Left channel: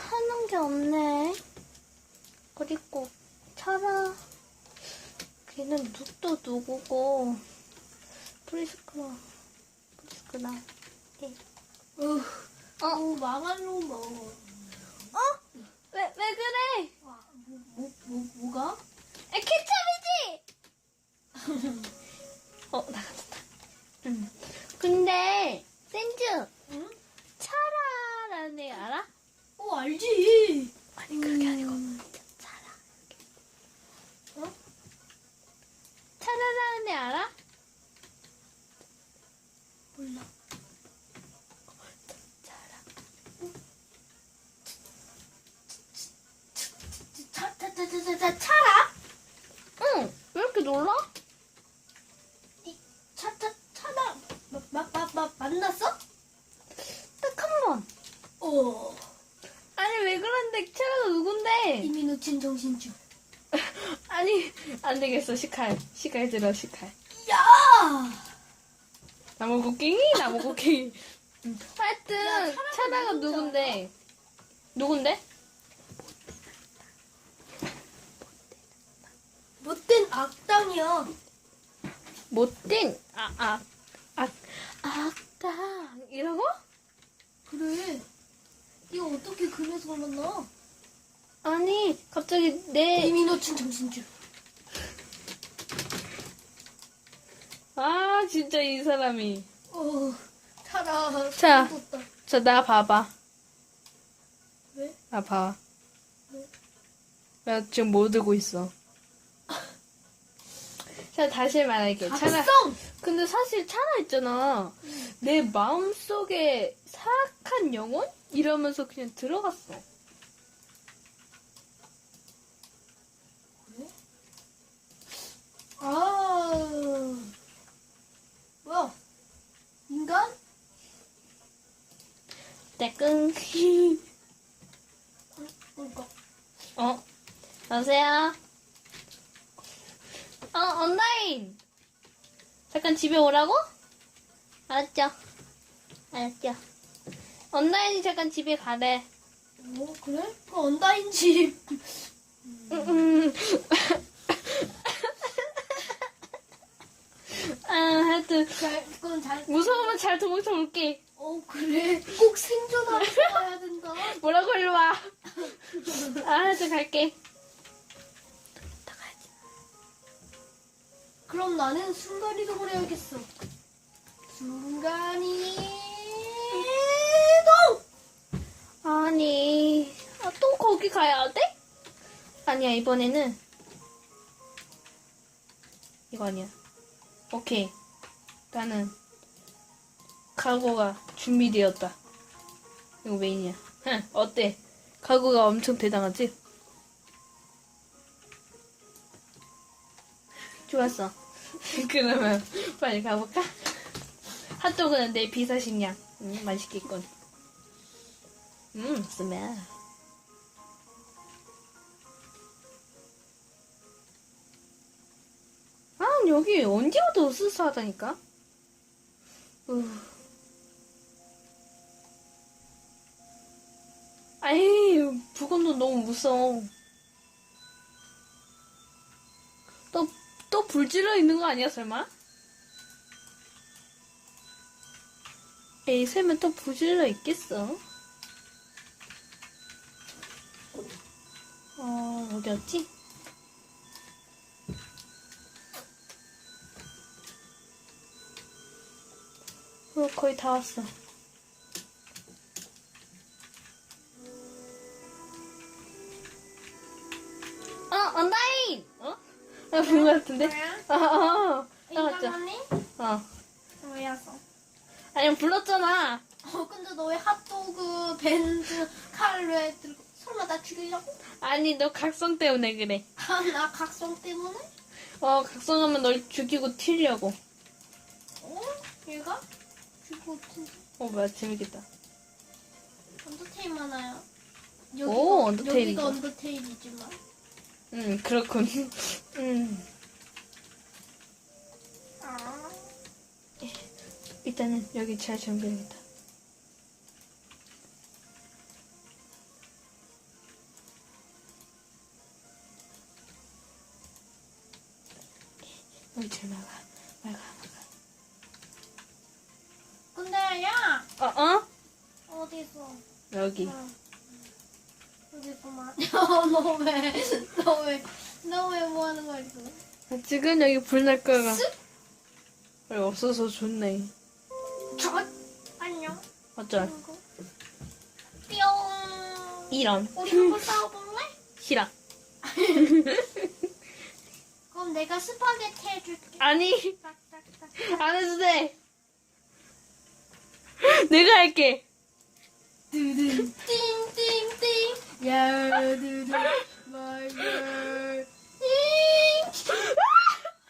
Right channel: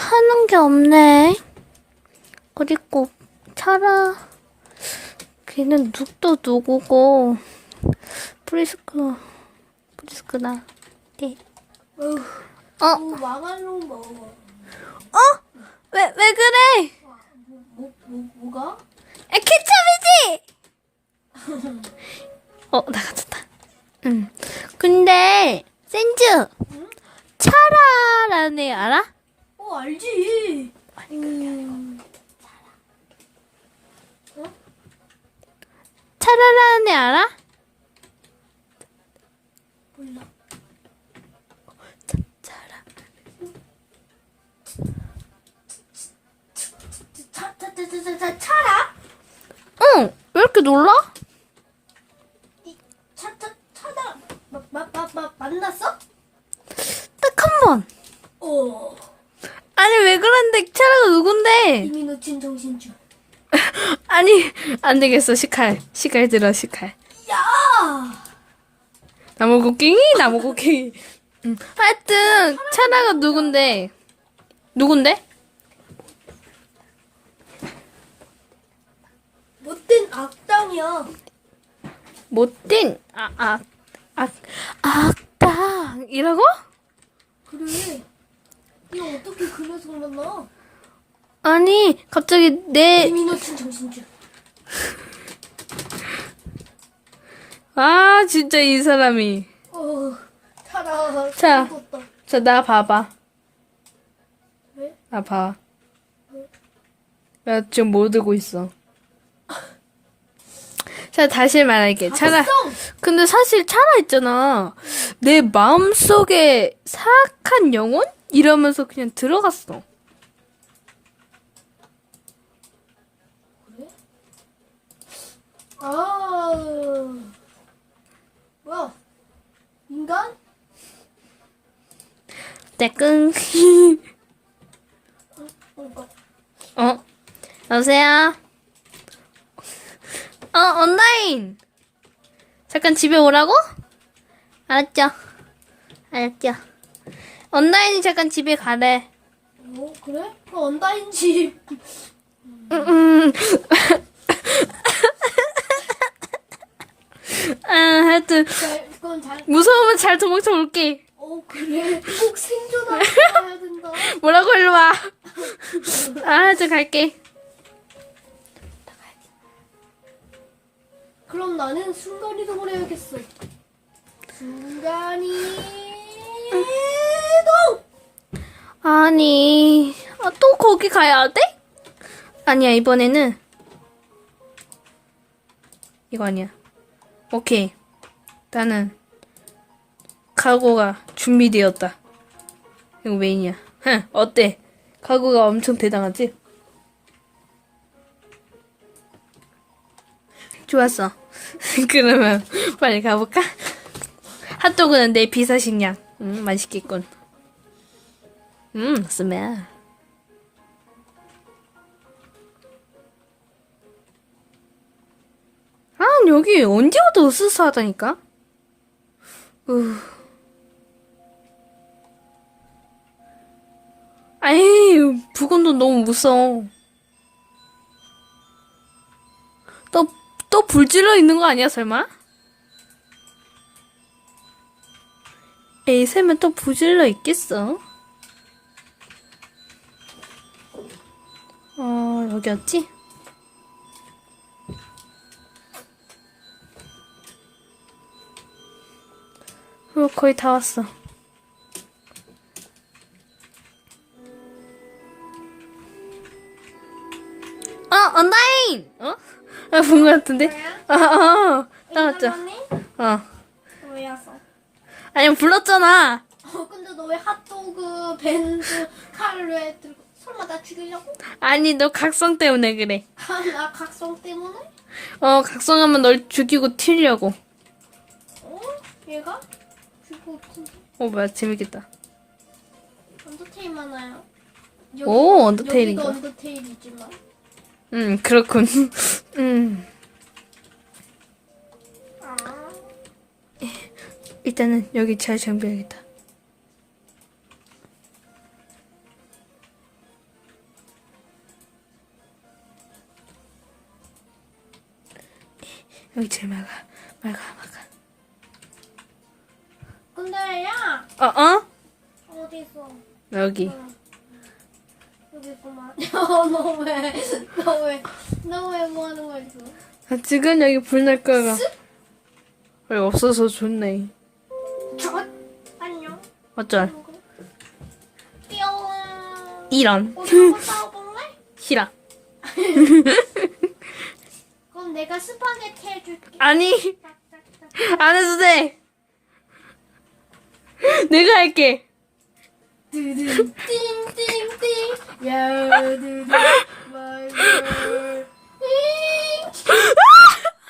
하는 게 없네. 그리고 차라 걔는 눅도 누구고 프리스크 프리스크나 네. 어? 어, 망할로 먹어. 어? 왜 왜 그래? 뭐, 뭐, 뭐가? 아, 케첩이지? 어 나갔다. 응. 근데 센즈 응? 차라라는 애 알아? 어, 알지. 아니 그게 아니고 어? 차라라는 애 알아? 몰라. 차라. 차, 차, 차, 차, 차, 차, 차라? 응. 왜 이렇게 놀라? 이, 차, 차, 차다. 마, 마, 마, 마, 만났어? 딱 한 번. 어. 아니 왜 그런데 차라가 누군데? 이미 놓친 정신줄. 아니 안 되겠어 시칼 시칼 들어 시칼. 야! 나무 곡괭이 나무 곡괭이. 응. 하여튼 차라가 누군데? 누군데? 못된 악당이야. 못된 아아 아, 악당 이라고? 그래. 이거 어떻게 그 녀석 만나? 아니 갑자기 내 놓친 정신줄. 아 진짜 이 사람이 어, 차라. 자. 죽었다. 자 나 봐봐 왜? 나 봐. 나 지금 뭐 들고 있어? 자 다시 말할게. 차라. 봤어? 근데 사실 차라 있잖아. 내 마음 속에 사악한 영혼 이러면서 그냥 들어갔어. 그래? 아, 뭐야? 인간? 어, 뭐, 어? 여보세요? 어 온라인. 잠깐 집에 오라고? 알았죠. 알았죠. 온라인이 잠깐 집에 가래. 어, 그래? 그 언다인 집. 음, 음. 아, 하여튼 잘, 그건 잘. 무서우면 잘 도망쳐 올게. 어, 그래. 꼭 생존하고 해야 된다. 뭐라고 일로 와. 아, 저 갈게. 그럼 나는 순간 이동을 해야겠어. 순간 이 동! 아니, 아, 또 거기 가야 돼? 아니야, 이번에는 이거 아니야. 오케이. 나는 각오가 준비되었다. 이거 메인이야. 흥, 어때? 각오가 엄청 대단하지? 좋았어. 그러면 빨리 가볼까? 핫도그는 내 비사식량. 음, 맛있겠군. 음, 스멜. 아, 여기 언제 와도 으스스하다니까? 으. 아이, 부건도 너무 무서워. 또, 또 불질러 있는 거 아니야, 설마? 에이, 설마 또 불질러 있겠어? 어, 여기였지? 어, 거의 다 왔어. 어, 온라인! 어? 아, 본 것 같은데? 아, 어, 나왔죠? 어. 왜 왔어? 아니, 불렀잖아. 어, 근데 너 왜 핫도그, 밴드, 칼로 해 들고 설마 나 죽이려고? 아니, 너 각성 때문에 그래. 아, 나 각성 때문에? 어, 각성하면 널 죽이고 튀려고. 어? 얘가? 죽고 없지. 어, 뭐야, 재밌겠다. 언더테일 많아요. 오, 언더테일인가? 여기가 언더테일이지만. 음, 그렇군. 음. 일단은 여기 잘 정비하겠다. 여기 잘 막아, 막아, 막아. 근데 야 어, 어? 어디서? 여기. 어디서만? 너왜너왜너왜 뭐 하는 거 있어? 아, 지금 여기 불 날 거야. 왜 없어서 좋네. 어쩔. 띠용. 이런. 우리 한번 싸워볼래? 싫어. 그럼 내가 스파게티 해줄게. 아니. 안 해도 돼. 내가 할게. 띵띵띵 야두둔 말들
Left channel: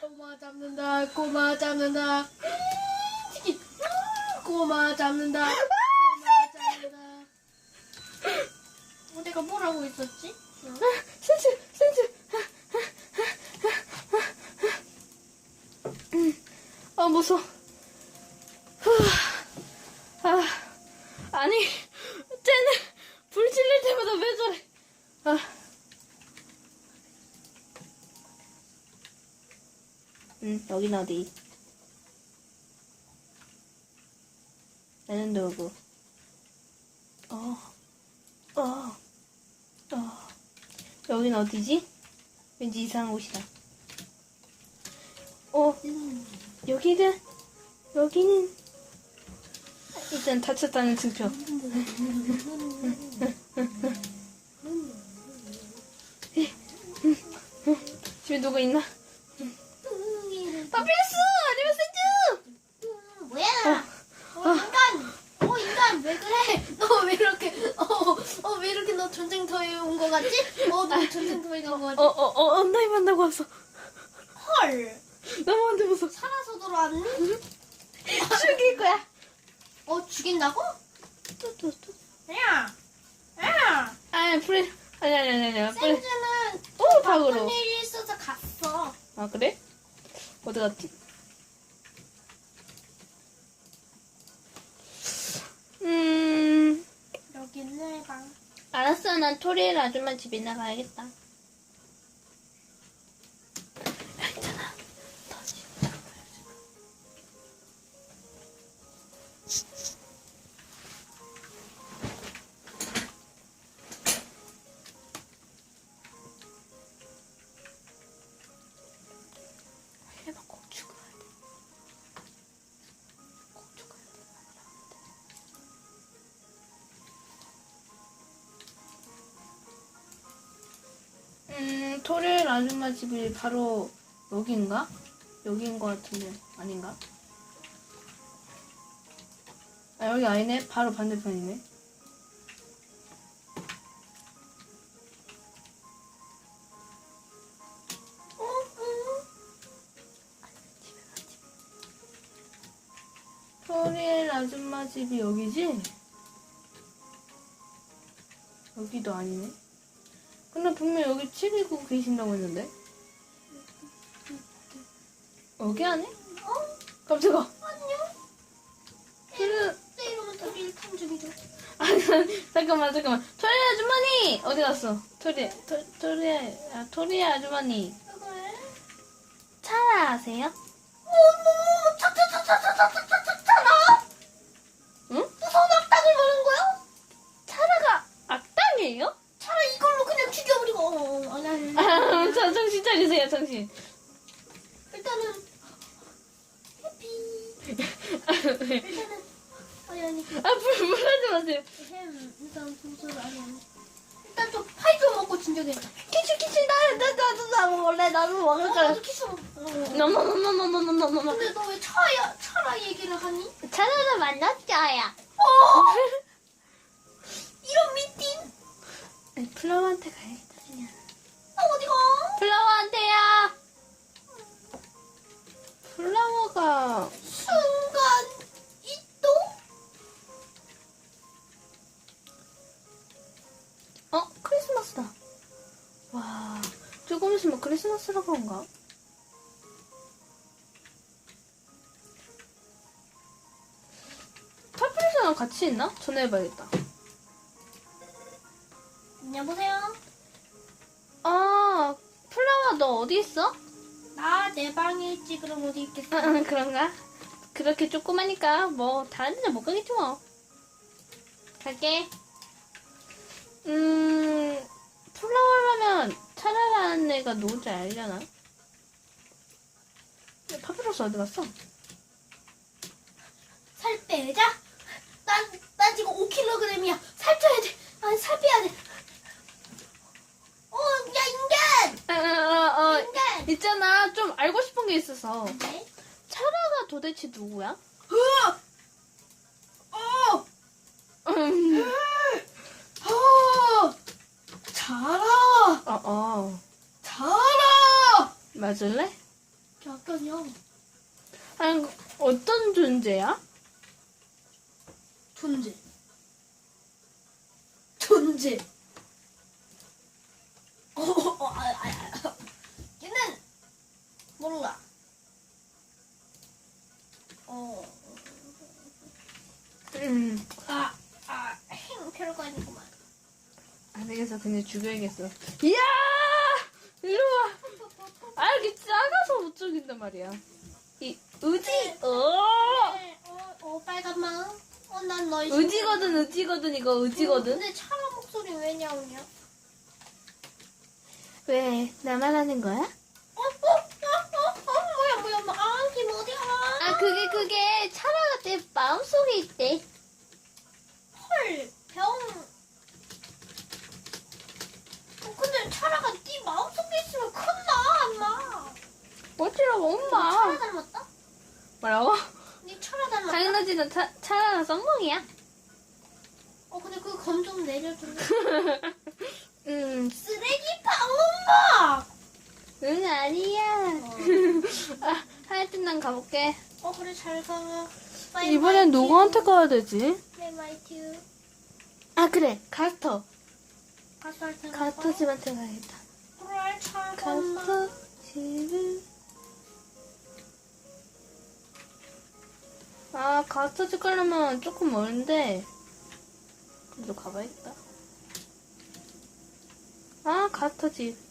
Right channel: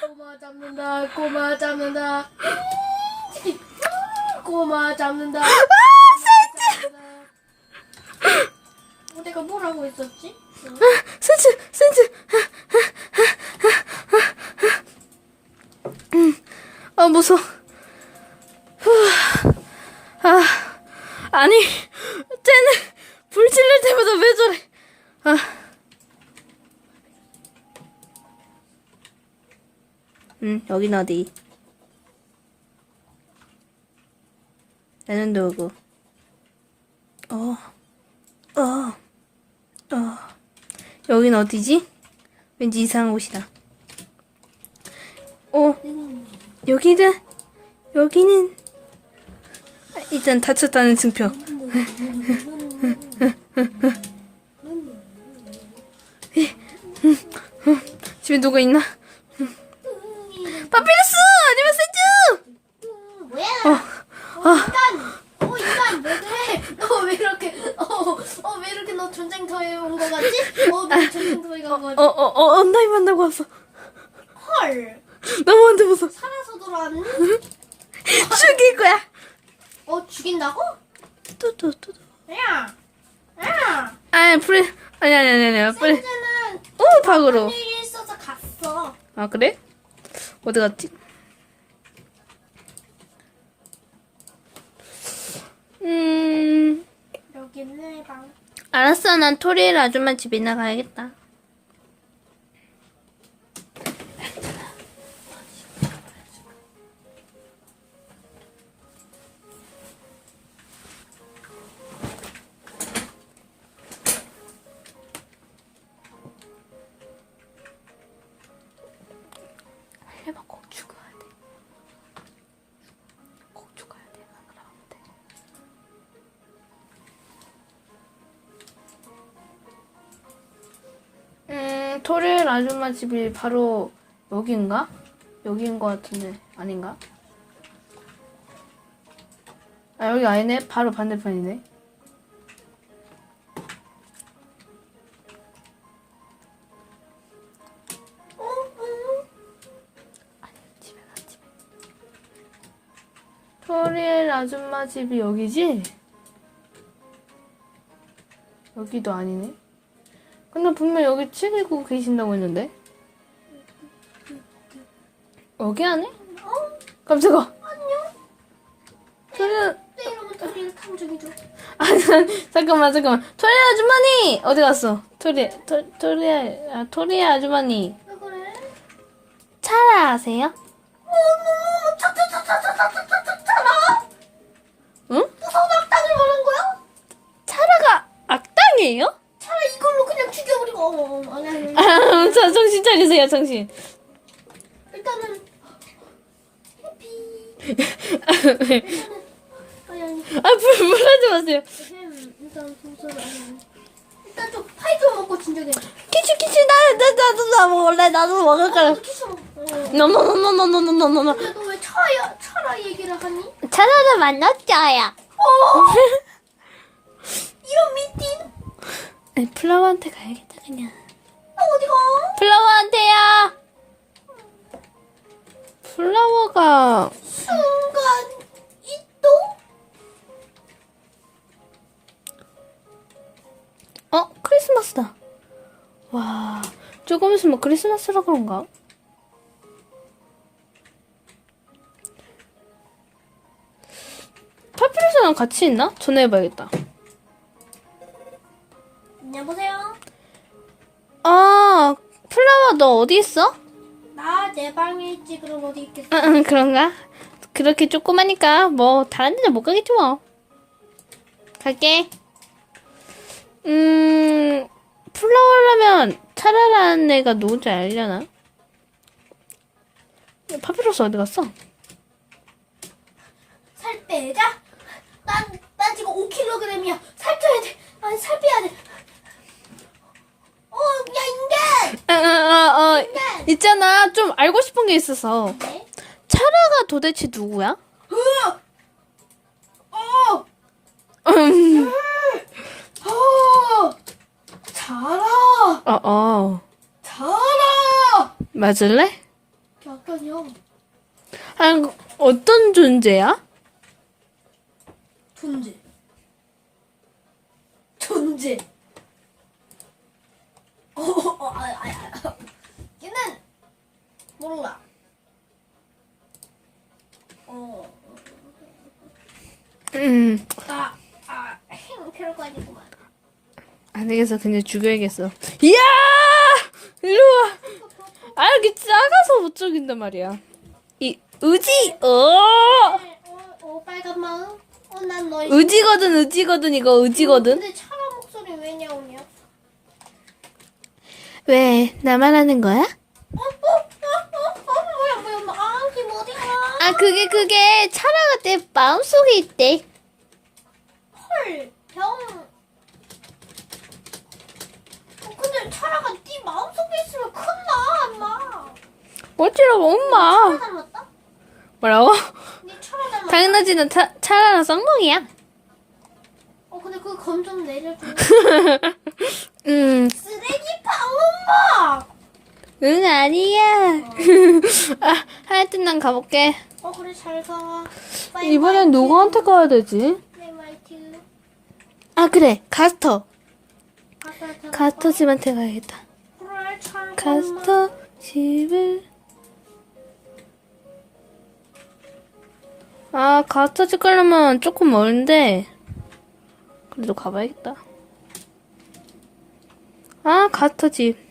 꼬마 잡는다 꼬마 잡는다 잉! 꼬마 잡는다 잡는다. 어, 내가 뭘 하고 있었지? 센스, 센스. 아, 무서워. 후. 아, 아니, 쟤는 불 질릴 때마다 왜 저래? 아. 응, 여긴 어디? 나는 누구? 어, 어, 어. 여긴 어디지? 왠지 이상한 곳이다. 어, 여기는, 여기는, 아, 일단 다쳤다는 증표. 집에 누가 있나? 파피루스! 음, 뭐야? 어, 인간! 어, 인간, 왜 그래? 너 왜 이렇게, 어, 어, 왜 이렇게 너 전쟁터에 온 거 같지? 어, 너 전쟁터에 간 거 같지? 어, 어, 어, 언나이 만나고 왔어. 헐! 너무 안 돼서 살아서 돌아왔니? 죽일 거야. 어, 죽인다고? 또, 또, 또. 야! 야! 아, 프레, 아니, 아니, 아니, 아니, 프레. 센즈는 오, 박으로. 무슨 일이 있어서 갔어. 아, 그래? 어디 갔지? 음, 여기는 내 방. 알았어. 난 토리엘 아줌마 집이나 가야겠다. 아줌마 집이 바로 여기인가? 여기인 것 같은데 아닌가? 아 여기 아니네. 바로 반대편이네. 토리엘 아줌마 집이 여기지? 여기도 아니네. 근데 분명 여기 책이고 계신다고 했는데. 여기 안에? 어? 깜짝아. 안녕? 아, 잠깐만, 잠깐만. 토리 아주머니! 어디 갔어? 토리, 토, 토리, 아, 토리 아주머니. 왜 그래? 차라 아세요? 어머, 차차차차차차차차차라? 응? 무서운 악당을 말한 거야? 차라가 악당이에요? 어머, 아니, 아니. 아, 저, 정신 차리세요, 정신. 일단은 해피. 일단은 아니 아니. 아, 불, 불하지 마세요. 햄 일단 좀 파이 좀 먹고 진정해. 키치, 키치, 나, 나, 나도, 나 먹을래. 나도 먹을 거야. 나도 키스 먹. 어. 노노노노노노노노노. 근데 너 왜 차야 차라 얘기를 하니? 차라를 만났자야. 어. 이런 미팅. 아니, 플라워한테 가야겠다, 어디 가? 플라워한테야. 플라워가 순간 이동. 어 크리스마스다. 와 조금 있으면 크리스마스라 그런가? 파피루스랑 같이 있나? 전화해봐야겠다. 여보세요. 너 어디 있어? 나 내 방에 있지 그럼 어디 있겠어? 응, 응, 그런가? 그렇게 조그마니까 뭐 다른 데는 못 가겠지 뭐. 갈게. 음, 플라워라면 차라라는 애가 누군지 알려나? 파피루스 어디 갔어? 살 빼자. 난, 난 지금 5kg이야. 살 쪄야 돼. 아니, 살 빼야 돼. 어, 야, 인간! 아, 아, 아, 어, 인간! 있잖아. 좀 알고 싶은 게 있어서. 네? 차라가 도대체 누구야? 으! 어! 음, 어! 자라! 어, 어. 자라! 맞을래? 잠깐요. 아, 어떤 존재야? 존재. 존재. 어, 어, 아, 아, 아. 얘는 몰라. 어, 음, 아, 아, 행편가 아니구만. 안 되겠어. 그냥 죽여야겠어. 이야! 일로 와. 아, 이렇게 작아서 못 죽인단 말이야. 이, 의지! 어! 어, 어, 빨간 마음. 어, 난 너희. 의지거든, 의지거든, 이거 의지거든. 근데 차라 목소리 왜 나오냐? 왜, 나만 하는 거야? 어, 어, 어, 뭐야, 뭐야, 뭐, 아, 김 어디가? 아, 그게, 그게, 차라가 내 마음속에 있대. 헐, 병. 어, 근데 차라가 네 마음속에 있으면 큰나, 엄마. 어찌라고, 엄마. 차라 닮았다? 뭐라고? 네 차라 닮았다? 당연하지, 난 차, 차라랑 쌍둥이야. 어, 근데 그 검 좀 내려줘. 음, 쓰레기빵, 엄마! 응, 아니야. 아, 하여튼 난 가볼게. 어, 그래, 잘 가. 이번엔 누구한테 가야 되지? 네. 아, 그래. 가스터. 가서 가스터 집한테 가야겠다. 그래, 잘 가. 가스터 집을. 아, 가스터 집 가려면 조금 멀는데. 그래도 가봐야겠다. 아, 가스터 집.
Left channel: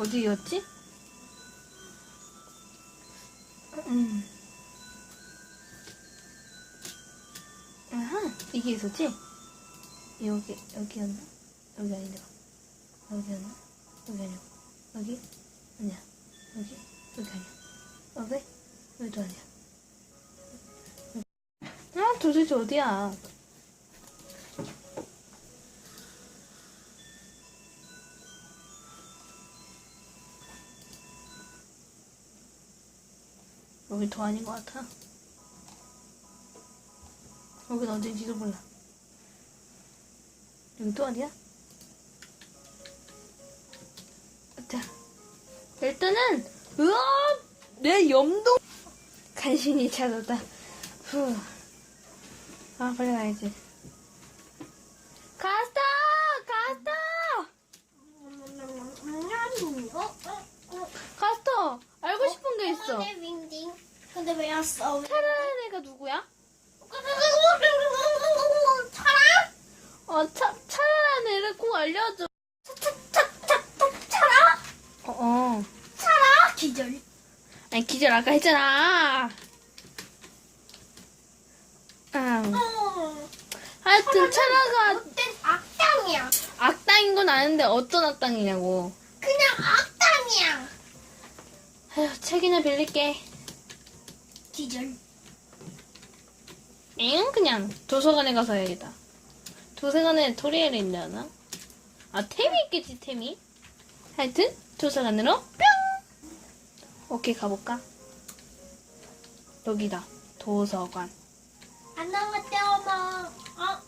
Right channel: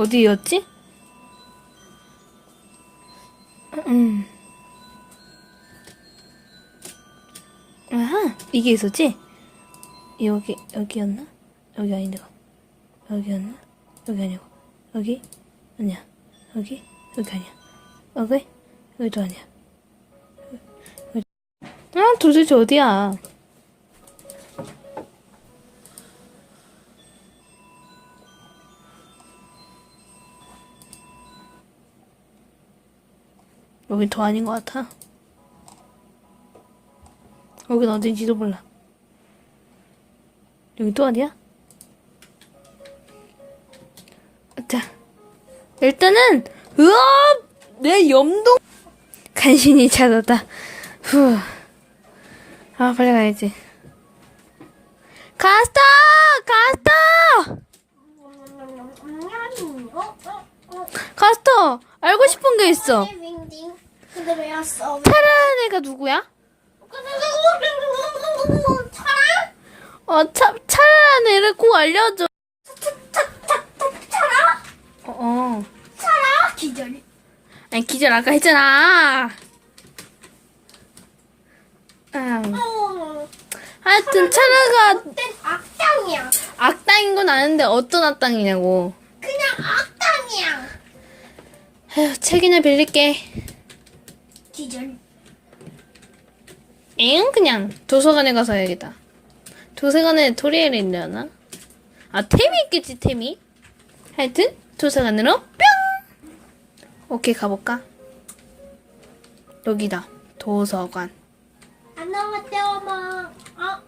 어디였지? 음. 아하, 이게 있었지? 여기, 여기였나? 여기 아닌데. 여기였나? 여기 아니고. 여기? 아니야. 여기? 여기 아니야. 여기? 여기도 아니야. 아, 도대체 어디야? 여긴 더 아닌 것 같아. 여긴 어딘지도 몰라. 여기 또 어디야? 자, 일단은 으아, 내 염동 간신히 찾았다. 후, 아 빨리 가야지. 가스터, 가스터, 어? 어? 어? 가스터. 알고 싶은 게 있어. 근데 왜 왔어? 차라는 애가 누구야? 차라? 어, 차, 차라는 애를 꼭 알려줘. 차라? 어, 어. 차라? 기절. 아니 기절 아까 했잖아. 아, 어. 하여튼 차라가 땐 악당이야. 악당인 건 아는데 어떤 악당이냐고. 그냥 악당이야. 에휴, 책이나 빌릴게. 기절. 엥 그냥 도서관에 가서 해야겠다. 도서관에 토리엘이 있려나? 아 템이 있겠지 템이. 하여튼 도서관으로 뿅. 오케이 가볼까? 여기다 도서관. 안녕하세요, 엄마. 어?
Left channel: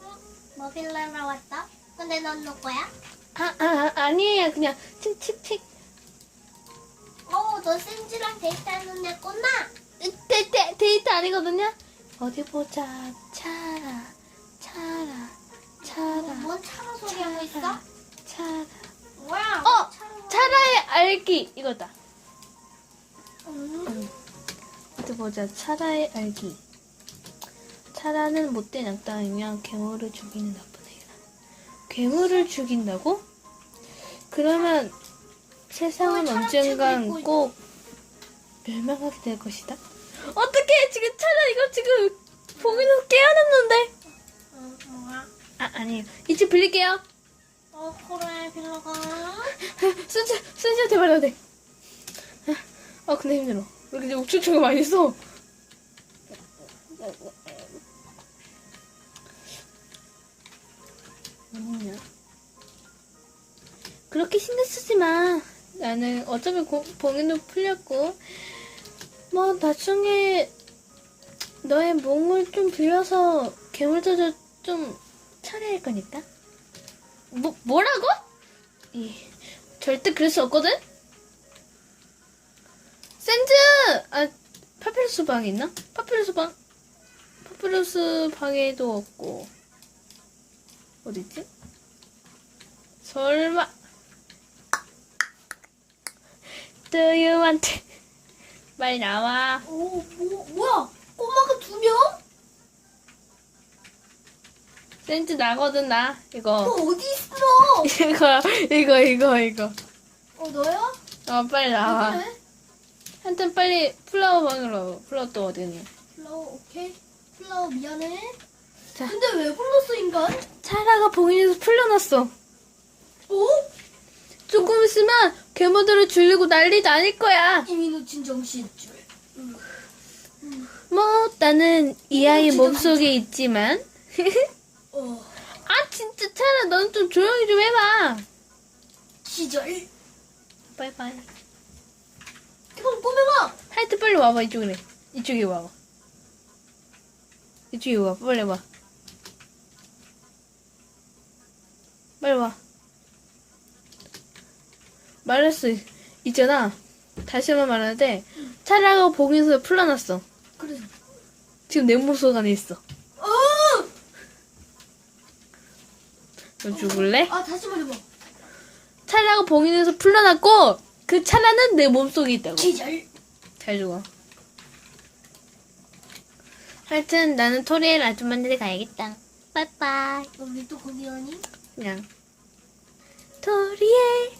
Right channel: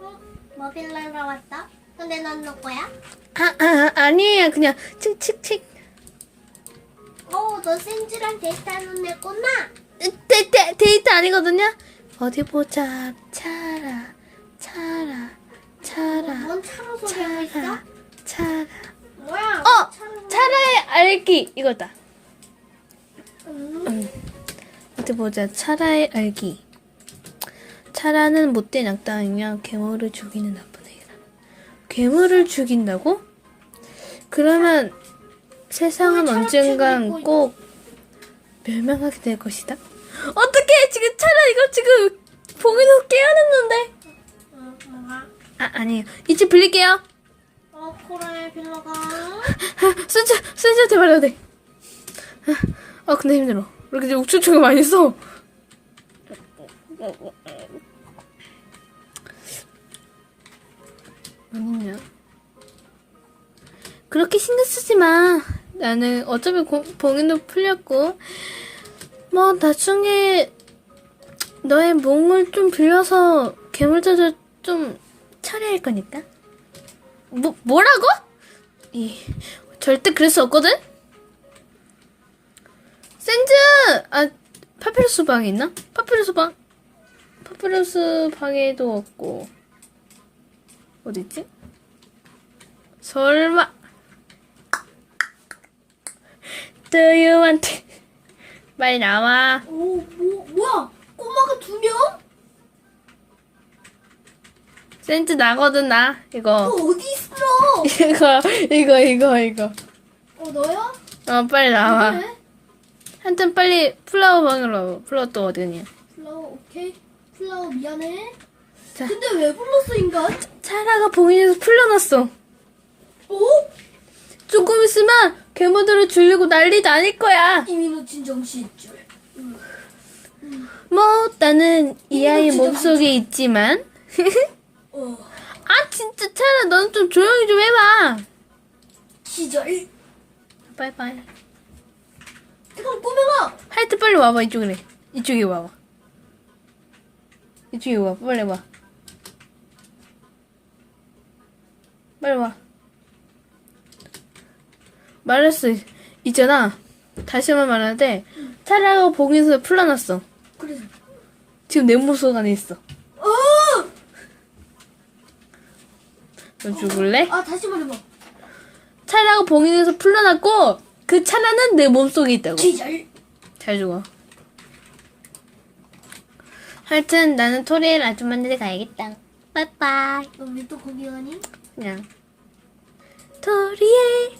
응? 뭐 빌리러 왔어? 근데 넌 누구야? 아, 아 아니에요 그냥 칙칙칙. 어, 너 센즈랑 데이트하는 애구나. 데이트, 데이트 아니거든요? 어디 보자. 차라, 차라, 차라, 뭔 차로 소리 하고 있어? 차라, 차라. 뭐야? 어! 차라의 알기. 이거다. 음. 어디 보자. 차라의 알기. 차라는 못된 악당이며 괴물을 죽이는 나쁜 애라. 괴물을 죽인다고? 그러면 세상은 언젠간 꼭 멸망하게 될 것이다. 어떻게 지금 차라 이거 지금 보기도 깨어났는데? 아 아니에요. 이제 빌릴게요. 어, 그래, 빌려가. 순자 순자 대발해야 돼. 아 근데 힘들어. 왜 이렇게 욱చు초가 많이 써? 어딨냐? 그렇게 신경 쓰지 마. 나는 어차피 고, 봉인도 풀렸고, 뭐 나중에 너의 몸을 좀 빌려서 괴물들을 좀 처리할 거니까. 뭐 뭐라고? 이 절대 그럴 수 없거든. 센즈 아 파피루스 방에 있나? 파피루스 방 파피루스 방에도 없고 어디 있지? 설마 Do you want? 빨리 나와. 오, 뭐, 뭐야? 꼬마가 두 명? 센즈 나거든 나 너 이거 어디 있어? 이거 이거 이거 이거. 어, 너야? 어 빨리 나와. 그래? 한튼 빨리 플라워 방으로. 플라워 또 어디니? 플라워, 오케이. 플라워, 미안해. 자. 근데 왜 불렀어, 인간? 차라가 봉인에서 풀려났어. 오? 조금 있으면 괴물들을 죽이고 난리 나닐 거야. 이미 놓친 정신줄. 뭐 나는 이 아이 몸속에 있지만. 어, 아 진짜 차라 넌 좀 조용히 좀 해봐. 기절. 빠이빠이. 그럼 꼬맹아! 하여튼 빨리 와봐 이쪽에. 이쪽에 와봐. 이쪽에 와 빨리 와. 빨리 와. 말했어. 있잖아. 다시 한번 말하는데 차라가 봉인에서 풀려났어. 그래. 지금 내 몸속 안에 있어. 어! 너 죽을래? 아, 다시 말해봐. 차라가 봉인에서 풀려났고 그 차라는 내 몸속에 있다고. 기절. 잘 죽어. 하여튼 나는 토리엘 아줌마들이 가야겠다. 빠이빠이. 너왜또 거기 가니? 그냥 토리엘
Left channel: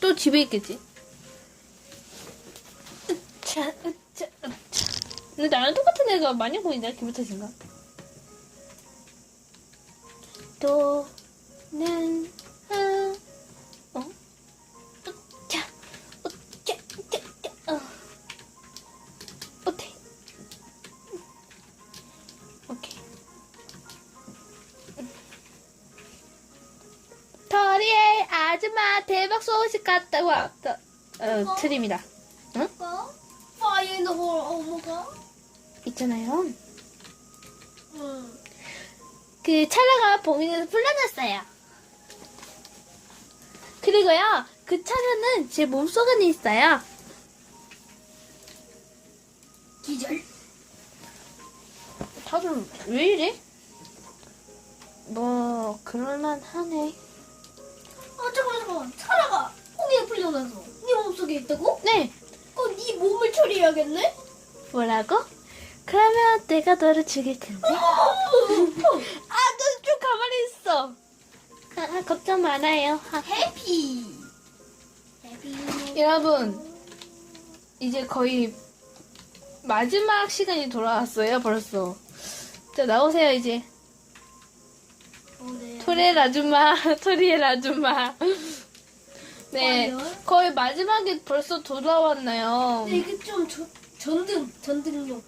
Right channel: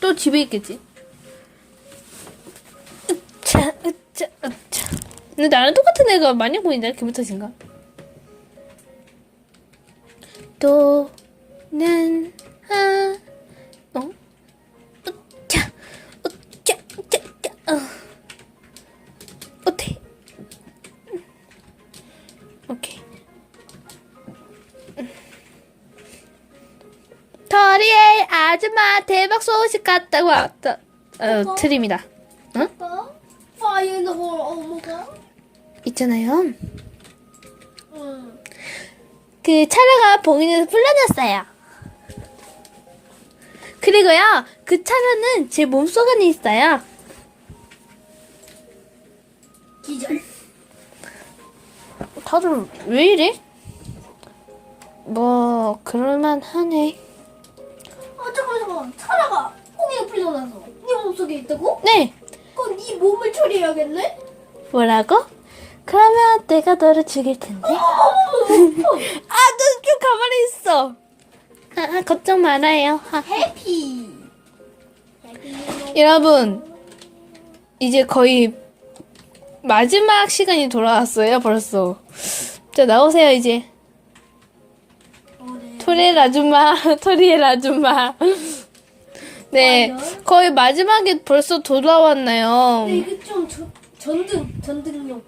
또 집에 있겠지. 으차 으차 으차. 근데 나랑 똑같은 애가 많이 보인다. 기분 탓인가? 또는 아 대박 소식 갔다고 왔다. 어. 어? 어? 파이너 홀 어머가? 있잖아요. 응. 그 차라가 봉인에서 풀려났어요. 그리고요, 그 차라는 제 몸속 안에 있어요. 기절. 다들 왜 이래? 뭐 그럴만 하네. 아, 잠깐만, 잠깐만. 차라가 꽁이가 풀려나서 네 몸속에 있다고? 네. 그럼 네 몸을 처리해야겠네? 뭐라고? 그러면 내가 너를 죽일 텐데. 어머머머. 아, 너 좀 가만히 있어. 아, 아, 걱정 말아요. 아, 해피. 해피. 여러분, 이제 거의 마지막 시간이 돌아왔어요, 벌써. 자, 나오세요, 이제. 토리엘 아줌마, 토리엘 아줌마. 네, 거의 마지막에 벌써 돌아왔나요? 근데 이게 좀 저, 전등, 전등용.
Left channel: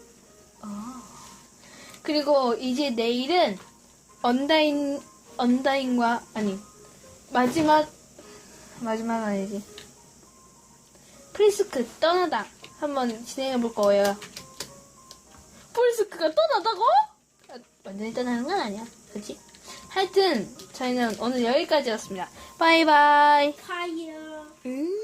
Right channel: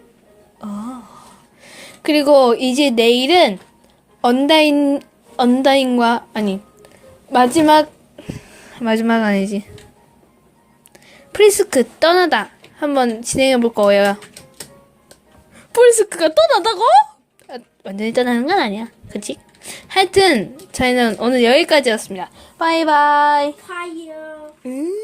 그리고 이제 내일은 언다인, 언다인과, 아니, 마지막, 마지막 아니지. 프리스크 떠나다. 한번 진행해 볼 거예요. 프리스크가 떠나다고? 아, 완전히 떠나는 건 아니야. 그치? 하여튼, 저희는 오늘 여기까지였습니다. 바이바이. 파이어. 음.